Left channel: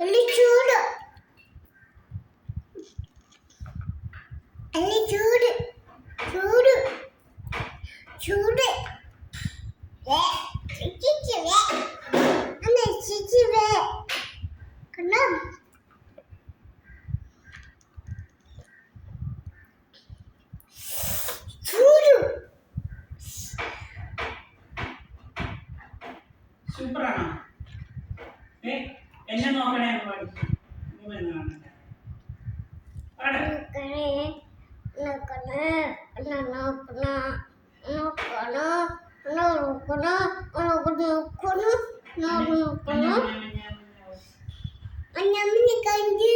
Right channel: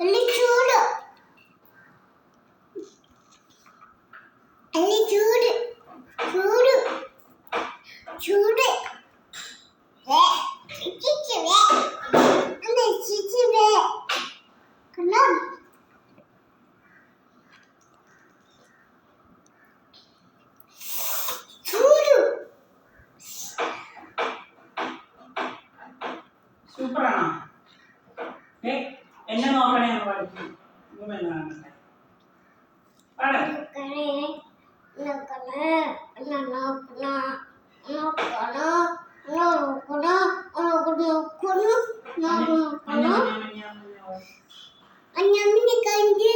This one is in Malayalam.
ಅಲ್ಲಿ ಚೂಡು ಅಲ್ಲಿ ಚೂಡು ಚೂಡು ಚೂಡು ಚಿಚಿವೆ ಅಲ್ಲ ಚಿಚಿವೆ ಕಣ್ಣಂ ಚೂಡು സൂപ്പറാണോ? എന്നെ നോക്കണേ എന്ന് പഠിക്കും. പാട്. Anyamini kanji